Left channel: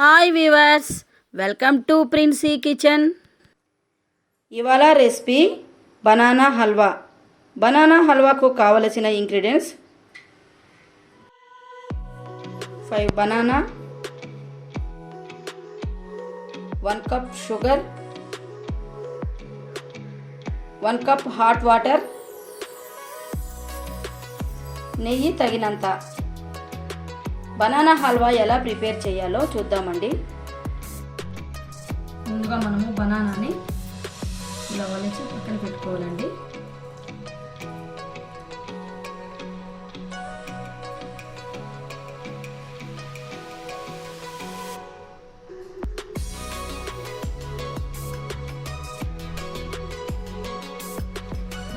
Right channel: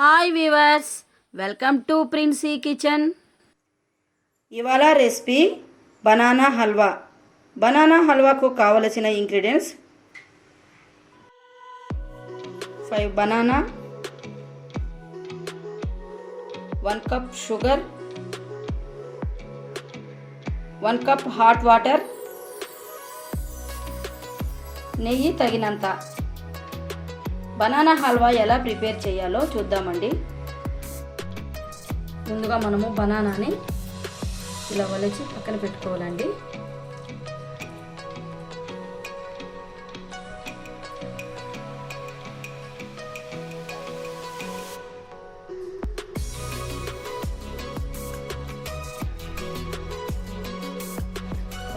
Hi viewers, welcome to Princy kitchen. ఇవాళ recipe banana halwa. Banana హల్వాకు కావలసిన ingredients 5 banana, 1 cup sugar, 1 cup hot water, నెయ్యి తగినంత. బనానా హల్వా ఎలా ప్రిపేర్ చేయాలో చూద్దామండి. ముందుగా మనము బనానాని ఇలా వలిచి పక్కన పెట్టుకోవాలండి.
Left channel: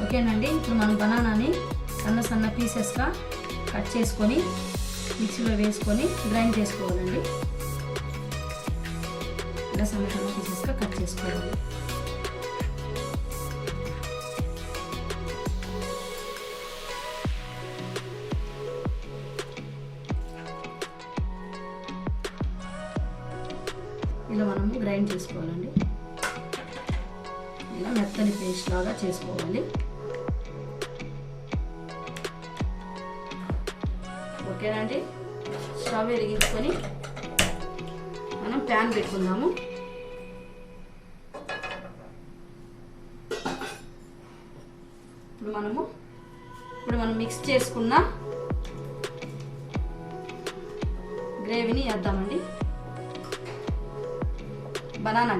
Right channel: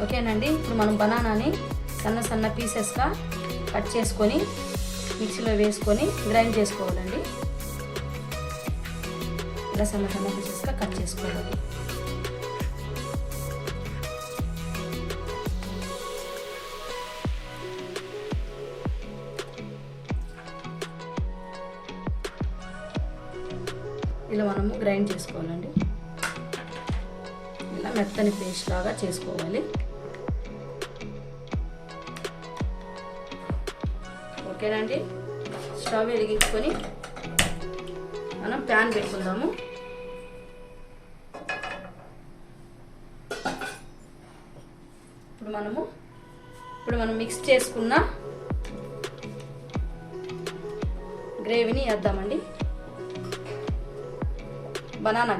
ఓకేనండి, ఇప్పుడు మనం బనానాని సన్న సన్న పీసెస్గా కట్ చేసుకొని మిక్సీలో వేసుకొని గ్రైండ్ చేసుకోవాలండి. ఇలా సన్న సన్న పీసెస్గా కట్ చేసుకోవాలి. ఇలా మనము గ్రైండ్ చేసుకోవాలండి. ఇలా మెత్తని పేస్ట్ లాగా చేసుకోవాలి. ఓకేనండి, స్టవ్ వెలిగించుకొని మనం ప్యాన్ పెట్టుకుందాము. ఇప్పుడు మనం మిక్స్ చేసుకున్న గ్రేవీని వేద్దామండి. బనానా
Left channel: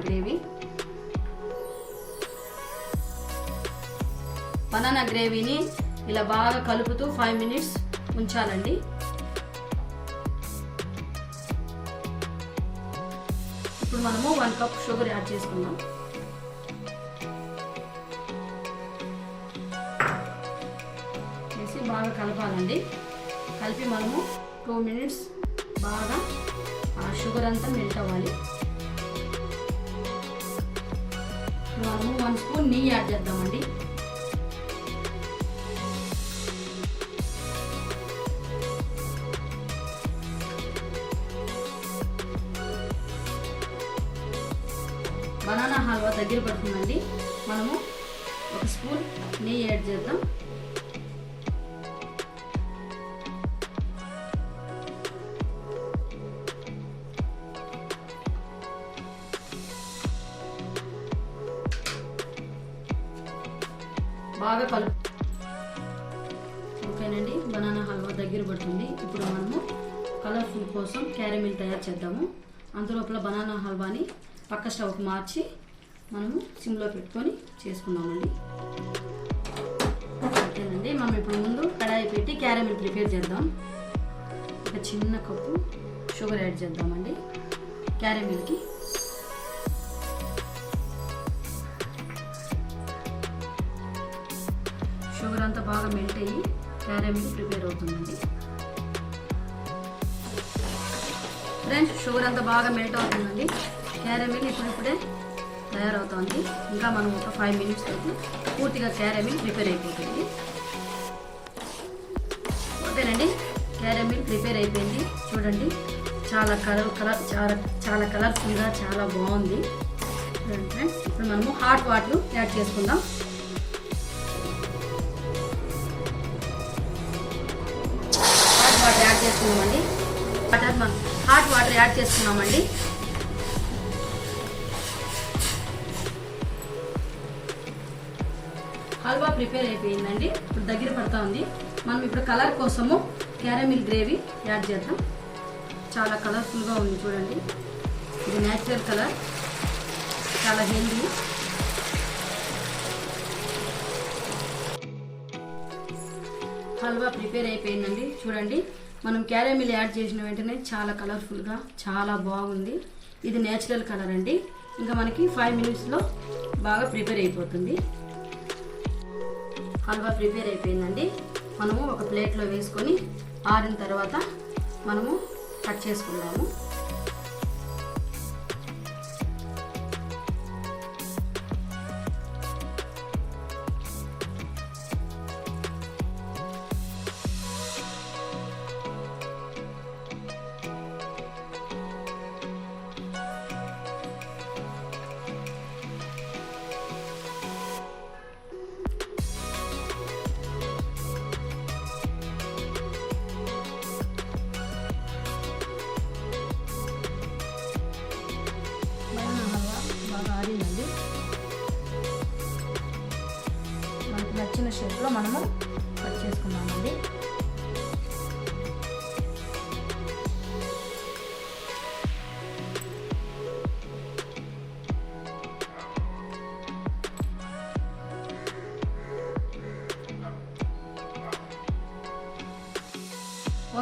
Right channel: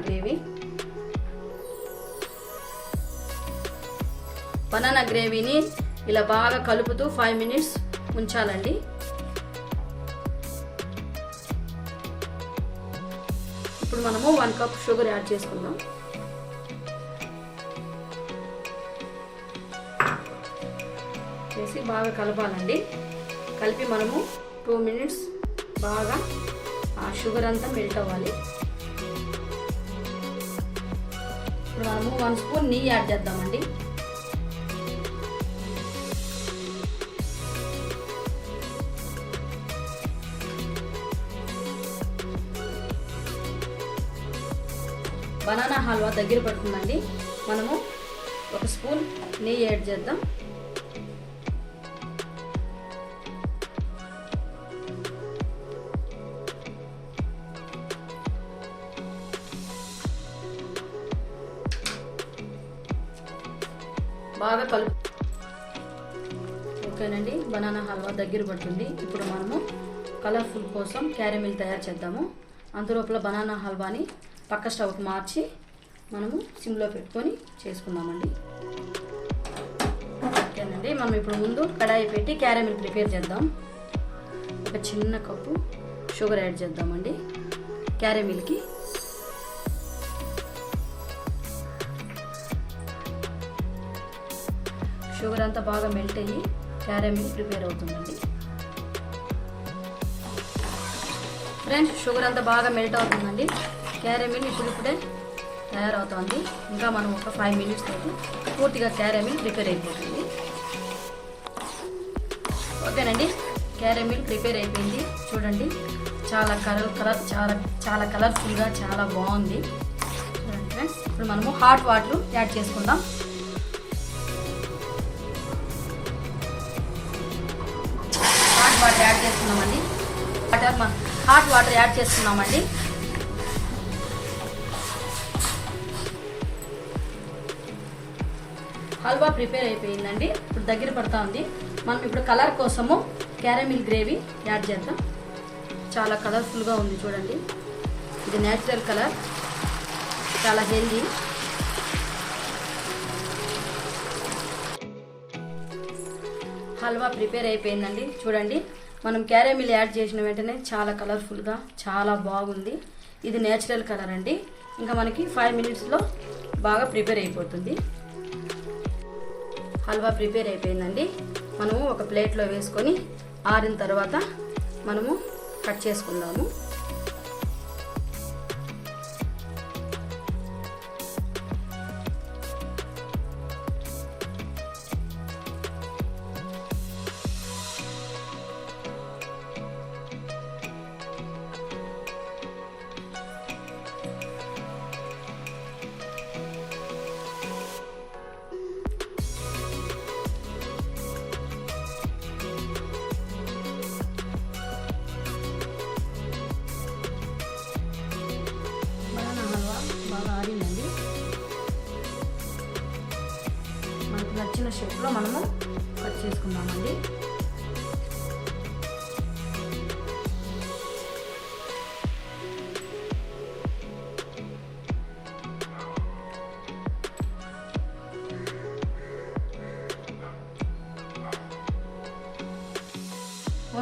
గ్రేవీని ఇలా బాగా కలుపుతూ 5 మినిట్స్ ఉంచాలండి. ఇప్పుడు మనము 1 కప్ షుగర్ యాడ్ చేసుకుందాం. చేసి బాగా కలపాలండి. కలిపి మనము 2 మినిట్స్ బాగా ఆ షుగర్ అంతా మెల్ట్ అవ్వాలి. మనము 1 స్పూన్ నెయ్యి యాడ్ చేద్దామండి. బనానా హల్వా దగ్గర పడుతుందండి. మనము 1 స్పూన్ నెయ్యి యాడ్ చేద్దాం. బాగా కలుపు. ఓకేనండి, బనానా హల్వా దగ్గర పడుతుంది. ఇప్పుడు మనము కలర్ఫుల్ కోసం క్యారమిల్ తయారు చేద్దాము. అందులోపల బనానా హల్వాని పక్క స్టవ్కి మార్చి మనము సిమ్లో పెట్టుకొని చేసుకుందామండి. ఓకేనండి, మనం ఇప్పుడు ముందు కడాయి పెట్టి క్యారమిల్ ప్రిపేర్ చేద్దాం. ఒక చిన్న కప్పు షుగర్ యాడ్ చేద్దామండి క్యారమిల్కి. షుగర్ అంతా బాగా మెల్ట్ అయ్యి క్యారమిల్ ప్రిపేర్ అవుతుందండి. ఫ్రెండ్స్, షుగర్ అంతా బాగా మెల్ట్ అవుతుందండి. క్యారమిల్ ఇప్పుడే తయారవుతుంది. ఇంకా మనం ఒక 5 మినిట్స్ పూర్తిగా క్యారమిల్ ప్రిపేర్ అయిపోతుంది. ఓకేనండి, క్యారమిల్ ప్రిపేర్ అయిపోయింది. చూడండి, చాలా చాలా కలర్ఫుల్గా చాలా బాగుంది. చూడండి ఫ్రెండ్స్, ఇప్పుడు మనము హాట్ వాటర్ యాడ్ చేసుకుందాం. హాట్ వాటర్ యాడ్ చేసుకున్నామండి. హల్వా ప్రిపేర్ అయిపోయిందండి. ఇప్పుడు దగ్గర పడుతూ ఉంది. మనం ఇప్పుడు కలర్ కోసము క్యారమిల్ గ్రేవీ యాడ్ చేద్దాం. చాలా కలర్ఫుల్గా ఉంది చూడండి. ఇది న్యాచురల్ కలర్, చాలా హెల్దీ. హల్వా ప్రిపేర్ అయిపోయిందండి. చూడండి, మనం క్యారమిల్ యాడ్ చేసిన వెంటనే చాలా కలర్ఫుల్గా చాలా బాగుంది. ఇది నేచురల్ కలర్ అండి. ఇంకా మనకి 5 మినిట్స్లో బాగా ప్రిపేర్ అయిపోతుంది. హల్వా ప్రిపేర్ అయిపోయిందండి. మనము ఒక ప్లేట్లో వేసుకొని ఆరిన తర్వాత మనము కట్ చేసుకుందాము. షేప్లో మనము కట్ చేసుకుందామండి.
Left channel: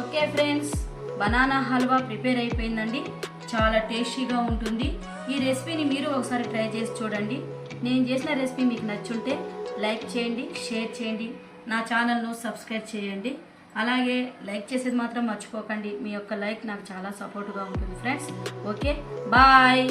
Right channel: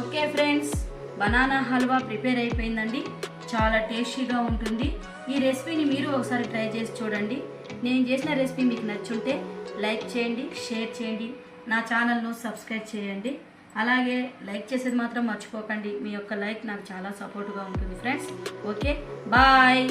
Okay friends, banana halwa prepare అయిపోయిందండి. చాలా టేస్టీగా ఉంటుంది. ఈ రెసిపీని మీరు ఒకసారి ట్రై చేసి చూడండి. నేను చేసిన రెసిపీ మీకు నచ్చుంటే లైక్ చేయండి, షేర్ చేయండి, నా ఛానల్ను సబ్స్క్రైబ్ చేయండి. అలాగే లైక్ చేసేది మాత్రం మర్చిపోకండి. మీ యొక్క లైక్ నాకు చాలా సపోర్ట్గా ఉంటుంది ఫ్రెండ్స్. Okay, bye.